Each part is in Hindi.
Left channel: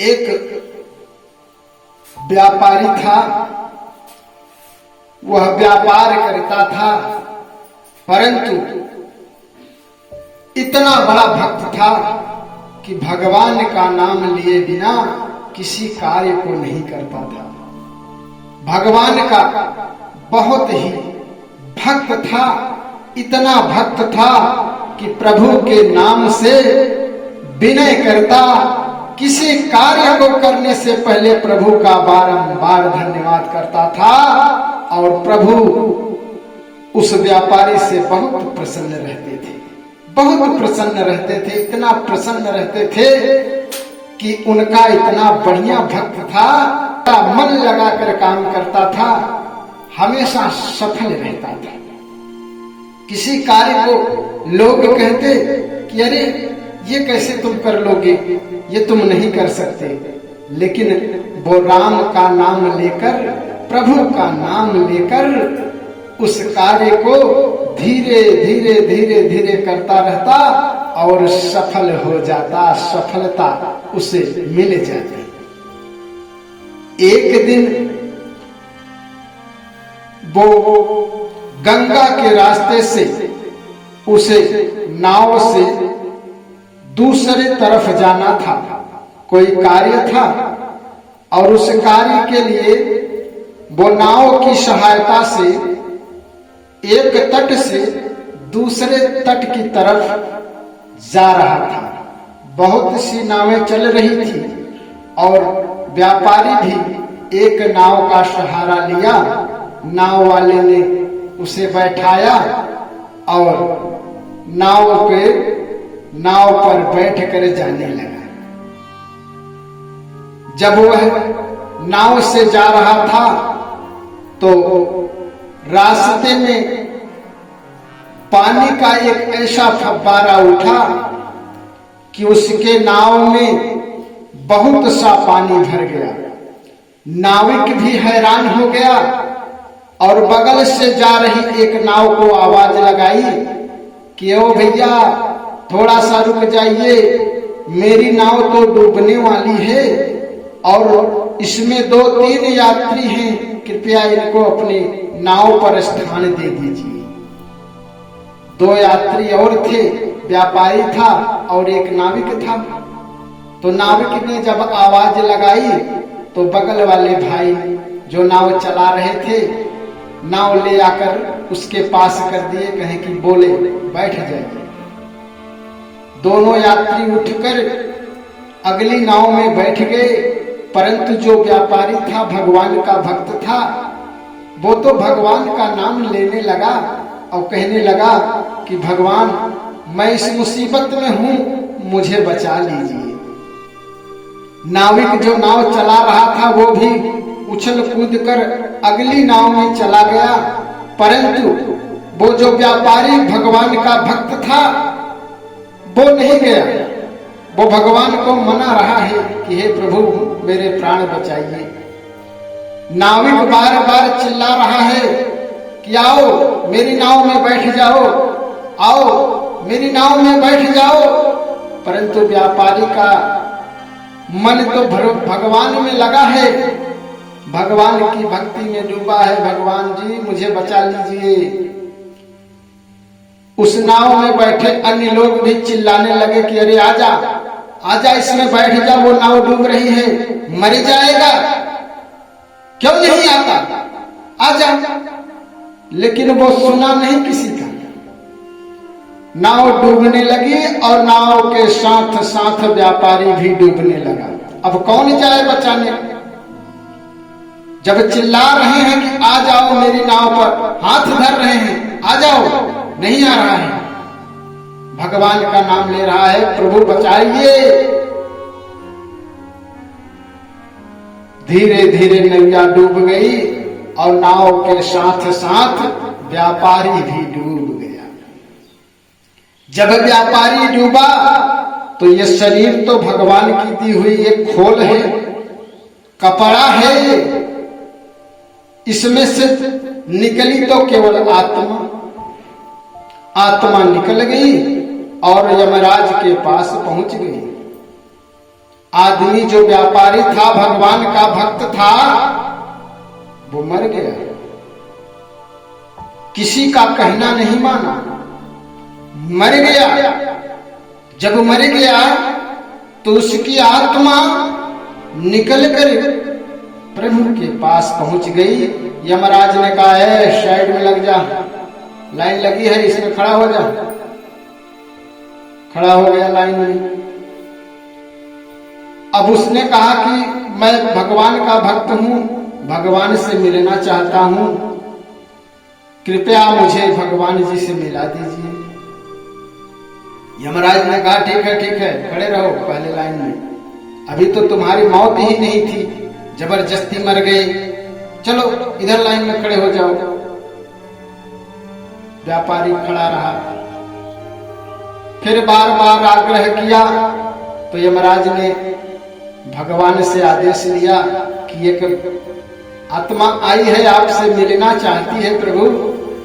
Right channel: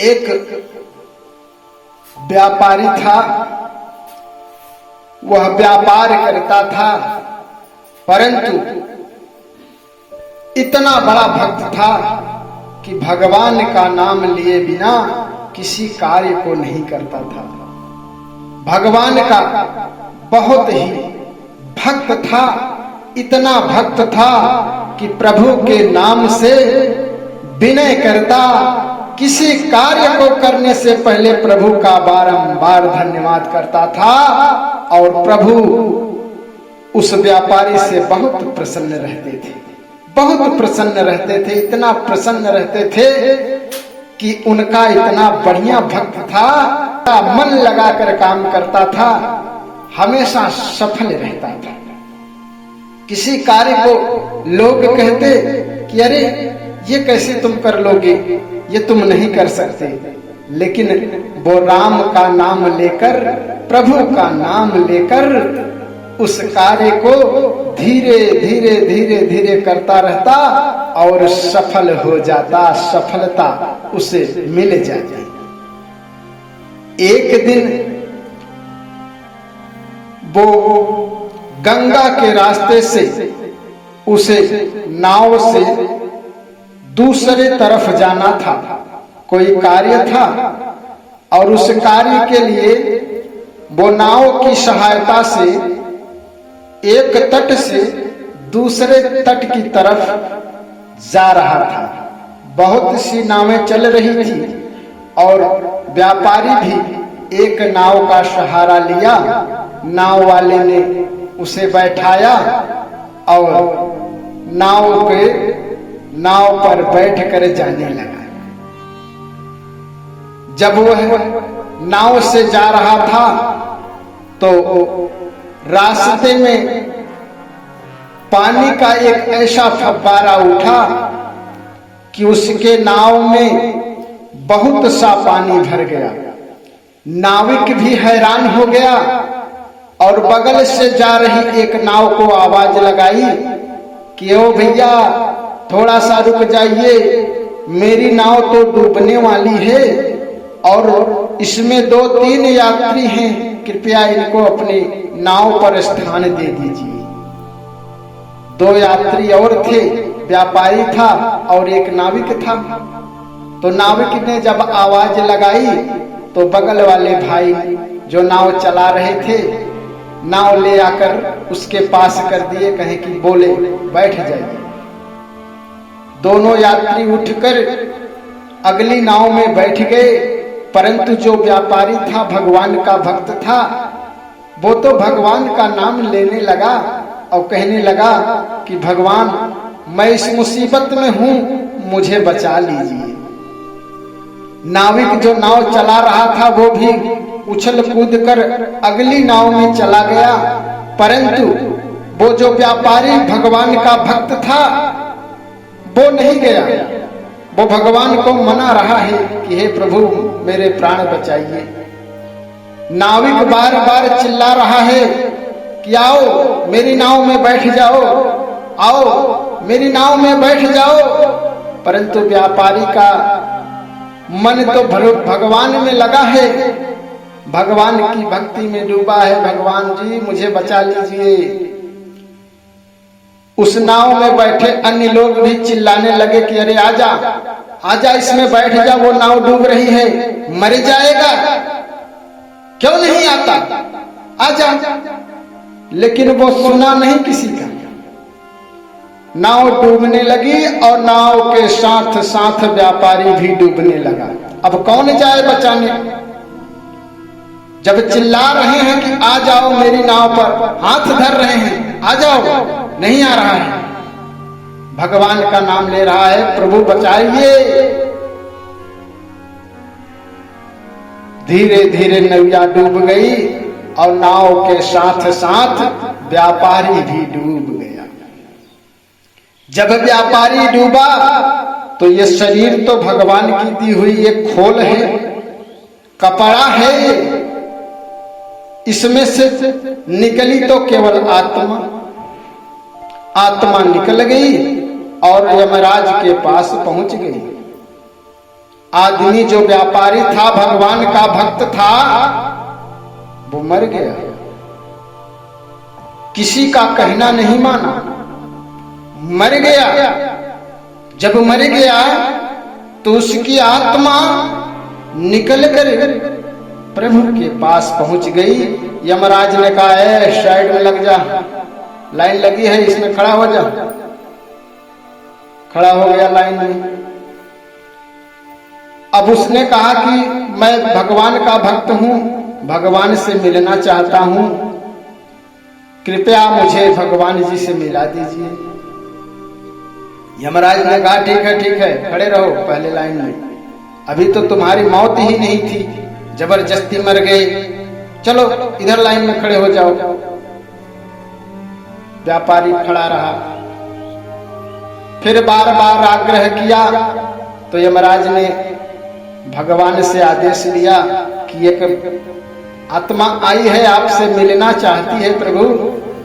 एक व्यापारी था। वह व्यापार करता था, परंतु इतना बड़ा भक्त था कि भगवान का नाम लिए बिना किसी कार्य को नहीं करता था। भगवान का बहुत ही भक्त था, इतना भक्त था कि प्रभु के नाम से विनय करता, किसी कार्य को करने से पहले प्रभु का बारंबार धन्यवाद करता था। और प्रभु उस व्यापारी से बहुत प्रसन्न रहते थे, बहुत प्रसन्न रहते थे, इतना प्रसन्न रहते थे कि उनका इतना बढ़िया भक्त था, मन लगाकर काम करता था, हमेशा सफल रहता था। किसी कार्य को लोग कहते कि अरे ये कैसे तुम कर लोगे, ये तुम नहीं कर सकते, लेकिन वो राम का नाम लेकर, प्रभु का नाम लेकर उस कार्य को धीरे धीरे धीरे धीरे करता रहता और सफल हो जाता, सफलता उसे मिल जाती। एक दिन वो गंगा के रास्ते से उसे नाव से दूसरे तरफ जाना था, कोई कार्य था, और उस कार्य के लिए वो नाव की सहायता से एक तट से दूसरे तट की तरफ जा रहा था। बहुत सी नावें चल रही थी और व्यापारी भी एक नाव का सहारा लिया। नाव वाले ने उसे बैठाया और नाव पर बैठकर जाने लगा। जब वह नाव से जा रहा था तो रास्ते में पानी का एक ऐसा फव्वारा उठा कि उसके नाव में बहुत सा पानी भर गया। नाविक भी हैरान हो गया और बगल से जा रही एक नाव को आवाज लगाई कि ओ भैया थोड़ा सा रुक जाइए, मेरी नाव तो डूबने वाली है और इसमें 2-3 यात्री हैं, कृपया इनको अपनी नाव पर स्थान दे दीजिए। 2 यात्री और थे, व्यापारी था और एक नाविक था। तो नाविक ने जब आवाज लगाई तो बगल वाले भाई जो नाव चला रहे थे, नाव ले आकर उसके पास कर दिए, कहे कि बोले बैठ जाइए। दोनों यात्री उठकर अगली नाव में बैठ गए, परंतु जो व्यापारी था, भगवान का भक्त था, वो तो भगवान का नाम लेने लगा और कहने लगा कि भगवान मैं इस मुसीबत में हूं, मुझे बचा लीजिए। नाविक जो नाव चला रहा था वो भी उछल कूद कर अगली नाव में चला गया, परंतु वो जो व्यापारी भगवान का भक्त था वो नहीं गया। वो भगवान को मना रहा है कि हे प्रभु मेरे प्राण बचाइए। नाविक बार बार चिल्ला रहा है कि आओ मेरी नाव में बैठ जाओ, आओ मेरी नाव में बैठ जाओ, परंतु व्यापारी का मन तो भगवान में लगा है, भगवान की भक्ति में डूबा है। भगवान जी मुझे बचा लीजिए। उस नाव में बैठे अन्य लोग भी चिल्लाने लगे कि अरे आजा आजा, इसमें बैठ जा, वो नाव डूब रही है, मर जाएगा, क्यों नहीं आता, आजा। लेकिन वो सुना नहीं किसी का। नाव डूबने लगी और नाव के साथ साथ व्यापारी भी डूबने लगा। अब कौन जाए बचाने? जब चिल्ला रहे हैं कि आ जाओ मेरी नाव पर, हाथ धर रहे हैं, आ जाओ, नहीं आ रहा है। भगवान का नाम ले रहा है, प्रभु बचाइए। धीरे धीरे नैया डूब गई और नाव के साथ साथ व्यापारी भी डूब गया। जब व्यापारी डूबा तो ये शरीर तो भगवान की दी हुई एक खोल है, कपड़ा है, इसमें से निकली तो केवल आत्मा। आत्मा निकल गई और यमराज के पास पहुंच गई। आदमी जो व्यापारी था, भगवान का भक्त था, वो मर गया। किसी का कहना नहीं माना, मर गया। जब मर गया तो उसकी आत्मा निकलकर प्रभु के पास पहुंच गई। यमराज ने कहा, है साइड में लग जा, लाइन लगी है, इसमें खड़ा हो जा। खड़ा हो गया लाइन में। अब उसने कहा कि मैं भगवान का भक्त हूं, भगवान से मिलना चाहता हूं, कृपया मुझे भगवान जी से मिला दीजिए। यमराज ने कहा, ठीक है, खड़े रहो पहले लाइन में, अभी तो तुम्हारी मौत ही नहीं थी, जबरदस्ती मर गए, चलो इधर लाइन में खड़े हो जाओ। व्यापारी खड़ा रहा, फिर बार बार आग्रह किया तो यमराज ने भगवान से आदेश लिया कि एक आत्मा आई है, आपसे मिलना चाहती है प्रभु,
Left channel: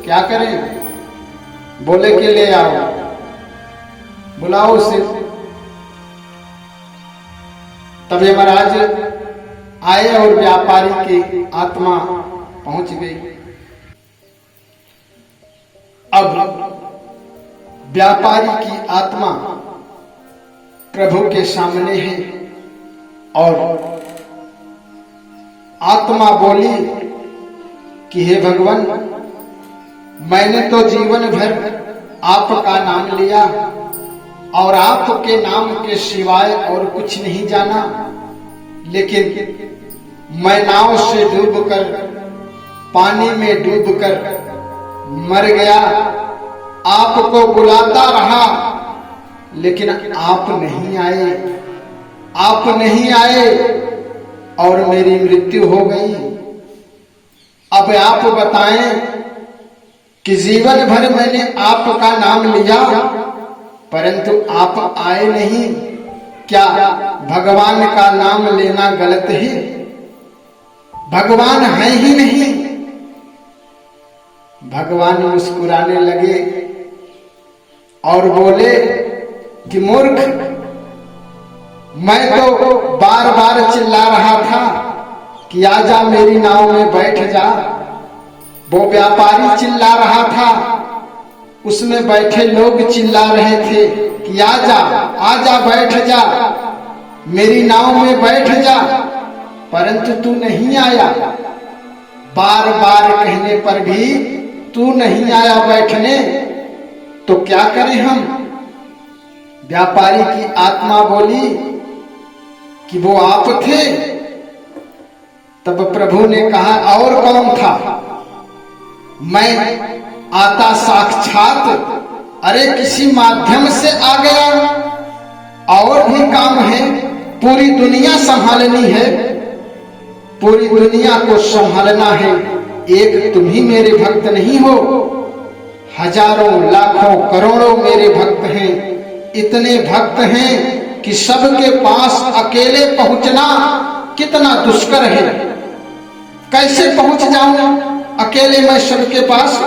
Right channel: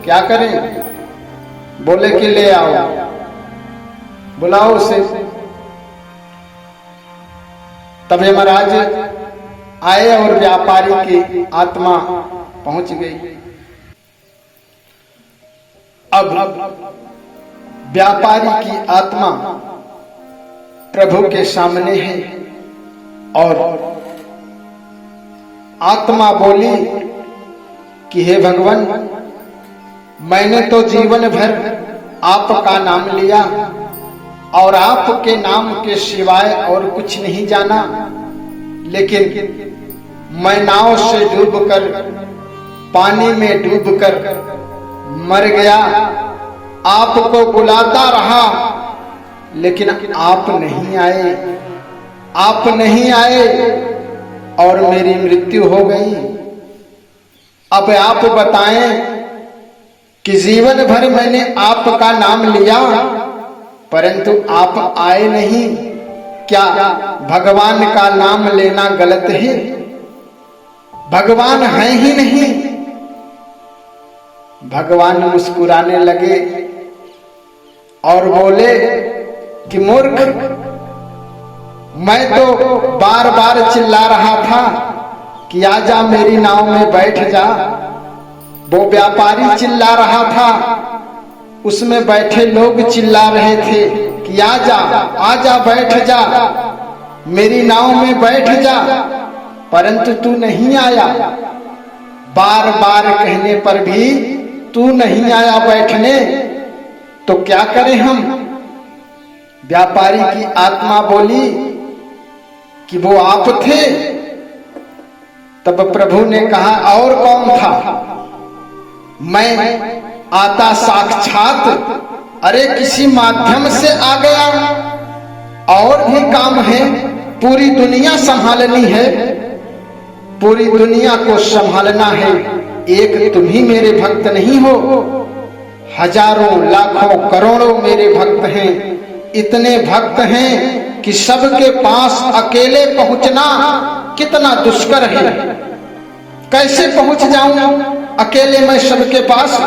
क्या करें? बोले कि ले आओ, बुलाओ उसे। तब यमराज आए और व्यापारी की आत्मा पहुंच गई। अब व्यापारी की आत्मा प्रभु के सामने है और आत्मा बोली कि हे भगवान, मैंने तो जीवन भर आपका नाम लिया और आपके नाम के सिवाय और कुछ नहीं जाना, लेकिन मैं नाव से डूबकर, पानी में डूबकर मर गया। आपको बुलाता रहा लेकिन आप नहीं आए, आप नहीं आए और मेरी मृत्यु हो गई। अब आप बताएं कि जीवन भर मैंने आपका नाम लिया परंतु आप आए नहीं, क्या भगवान का नाम लेना गलत है? भगवान है ही नहीं। भगवान मुस्कुराने लगे और बोले कि मूर्ख, मैं तो बार बार चिल्ला रहा था कि आजा मेरी नाव में बैठ जा। वो व्यापारी चिल्ला रहा था, उसमें बैठे लोग चिल्ला रहे थे कि आजा आजा बैठ जा, मेरी नाव में बैठ जा, परंतु तू नहीं आया। बार बार कहने पर भी तू नहीं आया बैठने, तो क्या करें हम? व्यापारी की आत्मा बोली कि वो आप थे। तब प्रभु ने कहा, और कौन था? मैं आता साक्षात, अरे किसी माध्यम से आ गया, और भी काम है, पूरी दुनिया संभालनी है, पूरी दुनिया को संभालना है। एक तुम ही मेरे भक्त नहीं हो, हजारों लाखों करोड़ों मेरे भक्त हैं। इतने भक्त हैं कि सबके पास अकेले पहुंचना कितना दुष्कर है। कैसे पहुंच जाऊं अकेले मैं सबके पास?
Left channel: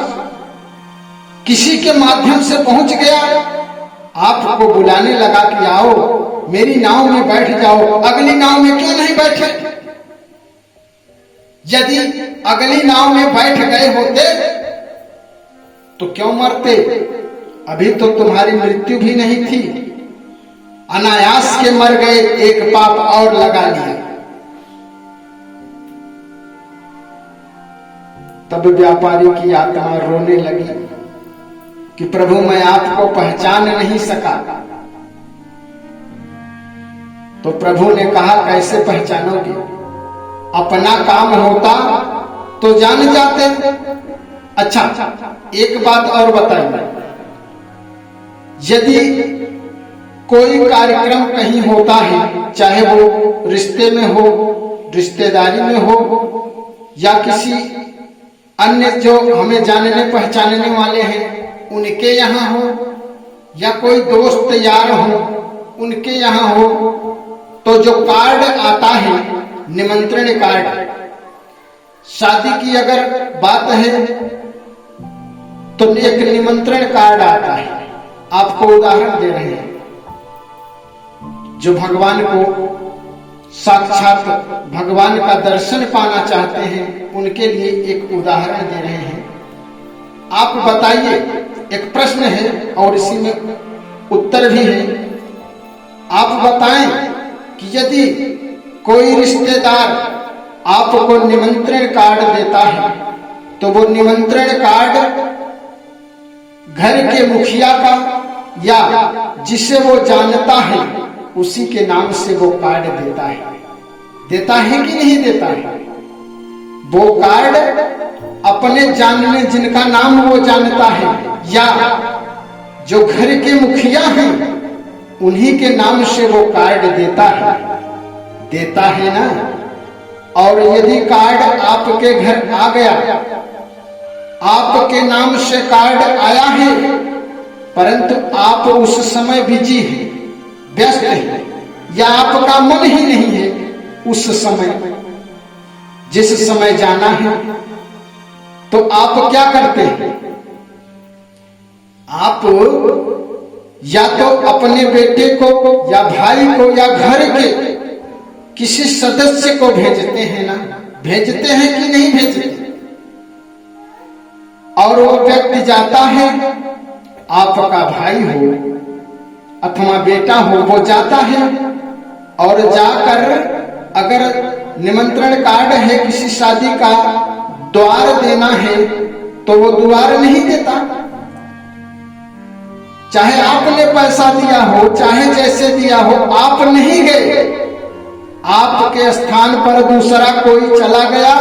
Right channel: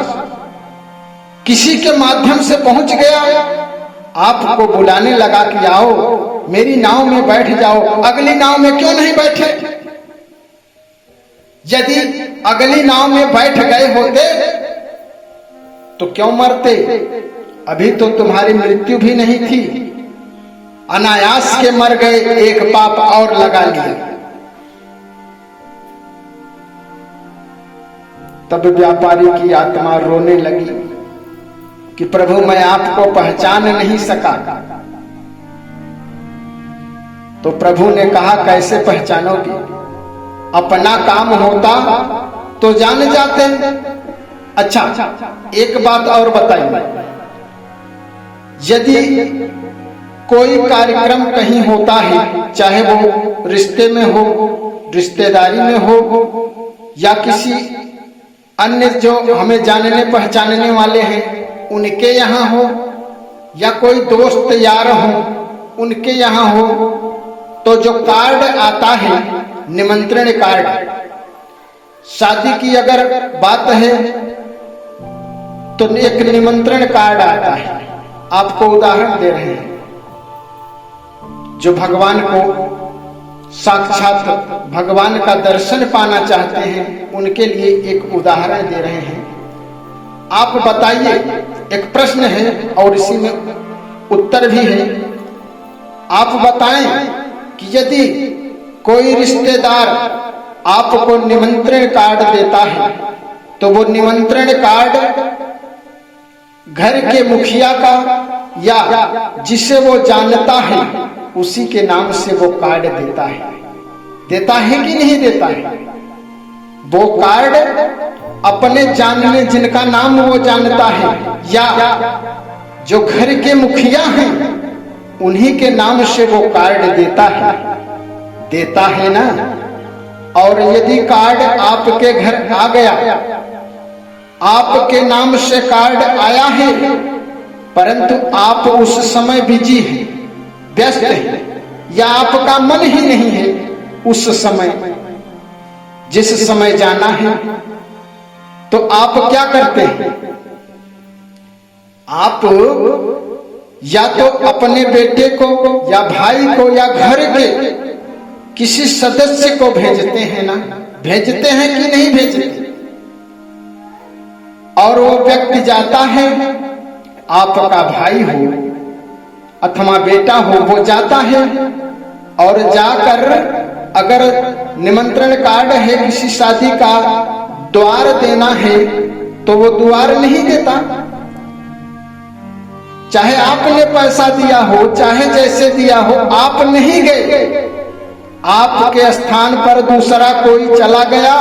किसी के माध्यम से पहुंच गया, आपको बुलाने लगा कि आओ मेरी नाव में बैठ जाओ। अगली नाव में क्यों नहीं बैठे? यदि अगली नाव में बैठ गए होते तो क्यों मरते? अभी तो तुम्हारी मृत्यु भी नहीं थी, अनायास के मर गए, एक पाप और लगा लिया। तब व्यापारी की आत्मा रोने लगी कि प्रभु मैं आपको पहचान नहीं सका। तो प्रभु ने कहा, कैसे पहचानोगे? अपना काम होता तो जान जाते। अच्छा, एक बात और बताइए, यदि कोई कार्यक्रम कहीं होता है, चाहे वो रिश्ते में हो, रिश्तेदारी में हो, या किसी अन्य जो हमें जानने पहचानने वाले हैं उनके यहाँ हो, या कोई दोस्त यार हो उनके यहाँ हो, तो जो कार्ड आता है, निमंत्रण कार्ड, शादी की अगर बात है तो एक निमंत्रण कार्ड आता है। आपको उदाहरण दे रहे हैं, जो भगवान को साक्षात भगवान का दर्शन पाना चाहते हैं, उनके लिए एक उदाहरण दे रहे हैं। आप बताइए, एक प्रश्न है और इसी में उत्तर भी है। आप बताएं कि यदि कोई रिश्तेदार आपको निमंत्रण कार्ड देता है तो वो निमंत्रण कार्ड घर के मुखिया का या जिसे वो जानता है उसी के नाम से वो कार्ड देता है कि नहीं देता है? वो कार्ड अपने जानने जिनका नाम वो जानता है या जो घर के मुखिया हैं उन्हीं के नाम से वो कार्ड देता है ना। और यदि कार्ड आपके घर आ गया, आपके नाम से कार्ड आया है, परंतु आप उस समय बिजी हैं, व्यस्त हैं, या आपका मन ही नहीं है उस समय, जिस समय जाना है, तो आप क्या करते हैं? आप या तो अपने बेटे को या भाई को या घर के किसी सदस्य को भेजते हैं ना, भेजते हैं कि नहीं भेजते? और वो व्यक्ति जाता है, आपका भाई हो अथवा बेटा हो, वो जाता है और जाकर अगर निमंत्रण कार्ड है किसी शादी का, द्वार देना है तो वो द्वार नहीं देता। चाहे आपने पैसा दिया हो, चाहे जैसे दिया हो, आप नहीं गए, आपके स्थान पर दूसरा कोई चला गया,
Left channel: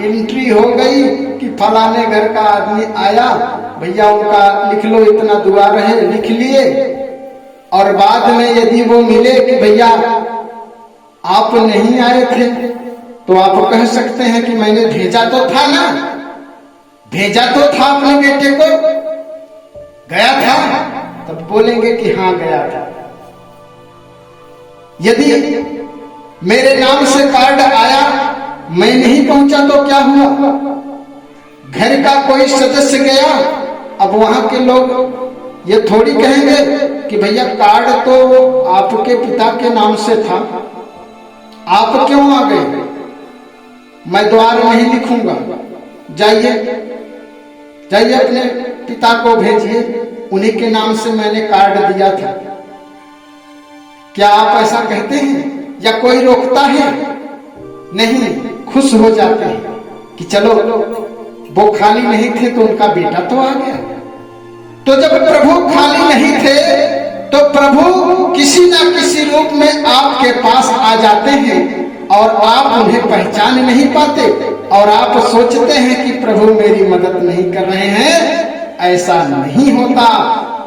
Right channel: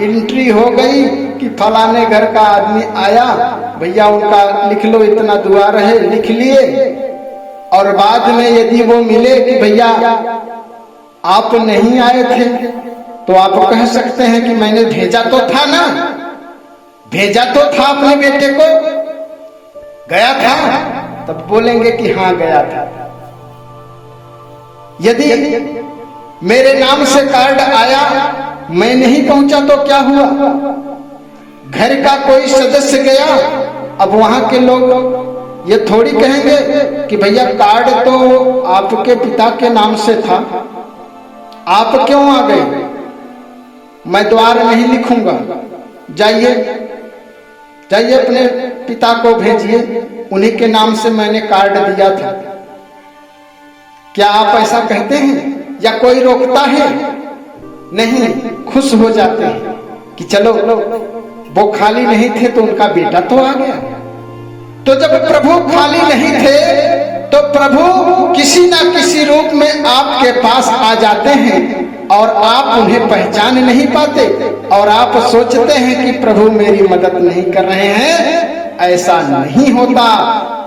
एंट्री हो गई कि फलाने घर का आदमी आया, भैया उनका लिख लो, इतना द्वार है, लिख लिए। और बाद में यदि वो मिले कि भैया आप नहीं आए थे, तो आप कह सकते हैं कि मैंने भेजा तो था ना, भेजा तो था अपने बेटे को, गया था, तब बोलेंगे कि हाँ गया था। यदि मेरे नाम से कार्ड आया, मैं नहीं पहुंचा तो क्या हुआ? घर का कोई सदस्य गया, अब वहां के लोग ये थोड़ी कहेंगे कि भैया कार्ड तो आपके पिता के नाम से था, आप क्यों आ गए? मैं द्वार नहीं लिखूंगा, जाइए अपने पिता को भेजिए, उन्हीं के नाम से मैंने कार्ड दिया था। क्या आप ऐसा कहते हैं या कोई रोकता है? नहीं, खुश हो जाते हैं कि चलो वो खाली नहीं थे तो उनका बेटा तो आ गया। तो जब प्रभु खाली नहीं थे तो प्रभु किसी ना किसी रूप में आपके पास आ जाते हैं और आप उन्हें पहचान नहीं पाते और आप सोचते हैं कि प्रभु मेरी मदद नहीं कर रहे हैं। ऐसा नहीं होता।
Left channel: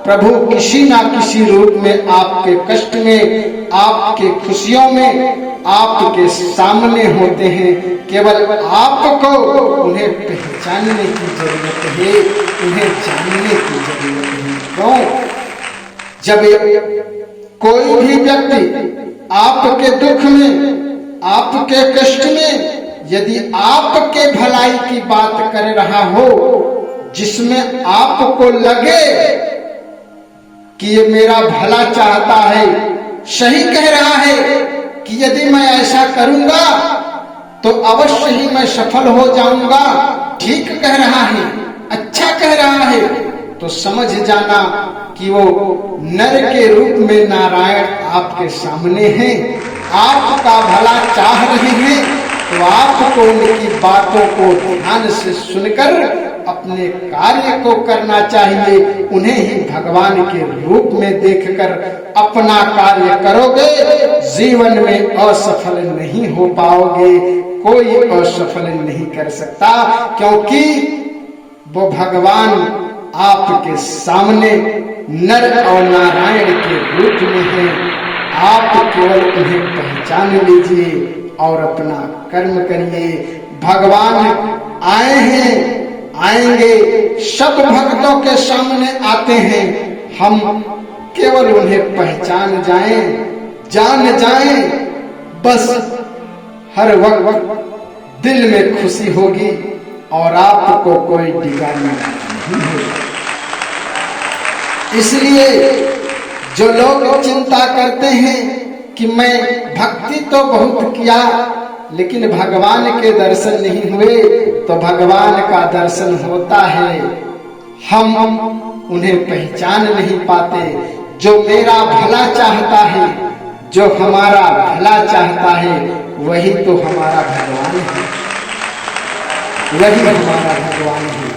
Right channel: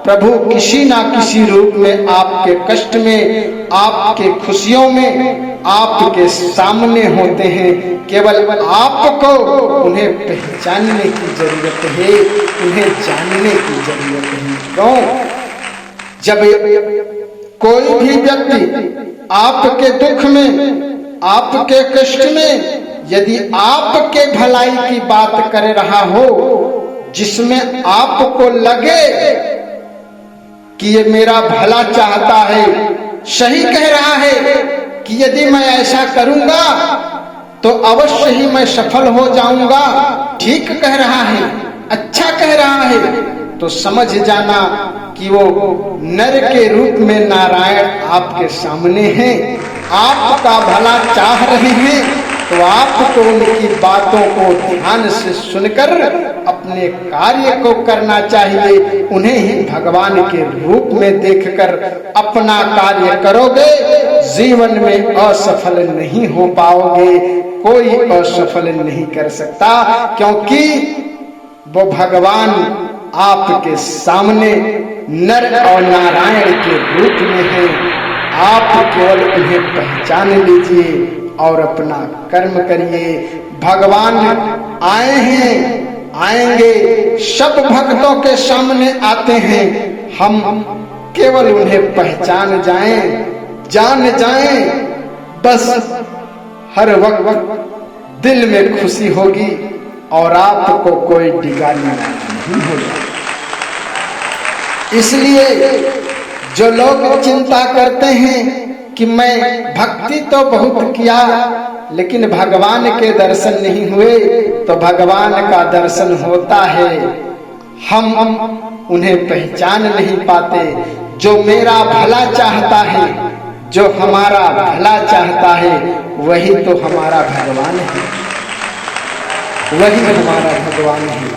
प्रभु किसी ना किसी रूप में आपके कष्ट में, आपके खुशियों में, आपके सामने होते हैं। केवल आपको उन्हें पहचानने की जरूरत है, उन्हें जानने की जरूरत है। क्यों? जब कोई भी व्यक्ति आपके दुख में, आपके कष्ट में यदि आपके भलाई की बात कर रहा हो, जिसमें आपको लगे कि ये मेरा भला चाहता है, सही कह रहा है कि यदि मैं ऐसा करूंगा तो अवश्य ही मैं सफल हो जाऊंगा, ठीक कह रहा है, अच्छा कह रहा है, तो समझ जाना कि वो नर के रूप में नारायण आपके सामने हैं, आपका भला चाह रहे हैं। तो आपको उनकी बातों को ध्यान से सुनकर अपने कार्य को करना चाहिए। उन्हें ही भगवान के रूप में देखकर अपना कार्य करोगे, जीवन में असफल नहीं हो पाओगे। कोई असफल नहीं कर सकता, क्योंकि वो भगवान आपके सामने नर और नारायण के रूप में है। आप केवल उन्हें पहचान लीजिए और अपना कर्म करिए। भगवान आए हैं, आएंगे, सब भक्तों के सामने आते हैं। हम केवल उन्हें पहचान जाएं, जान जाएं, बस हर वक्त दिल में खुशी होगी और आपको कोई डिगाने नहीं होगा। इसलिए जो लोग चिंता करते हैं कि मैं भक्ति तो बहुत किया लेकिन भगवान के दर्शन नहीं हुए। तो भगवान का दर्शन होता है, हम उन्हें पहचान नहीं पाते। जो मेरा भला चाहता है, जो हमारा भला चाहता है, वही तो हमारा भगवान है, वही हमारा भगवान है।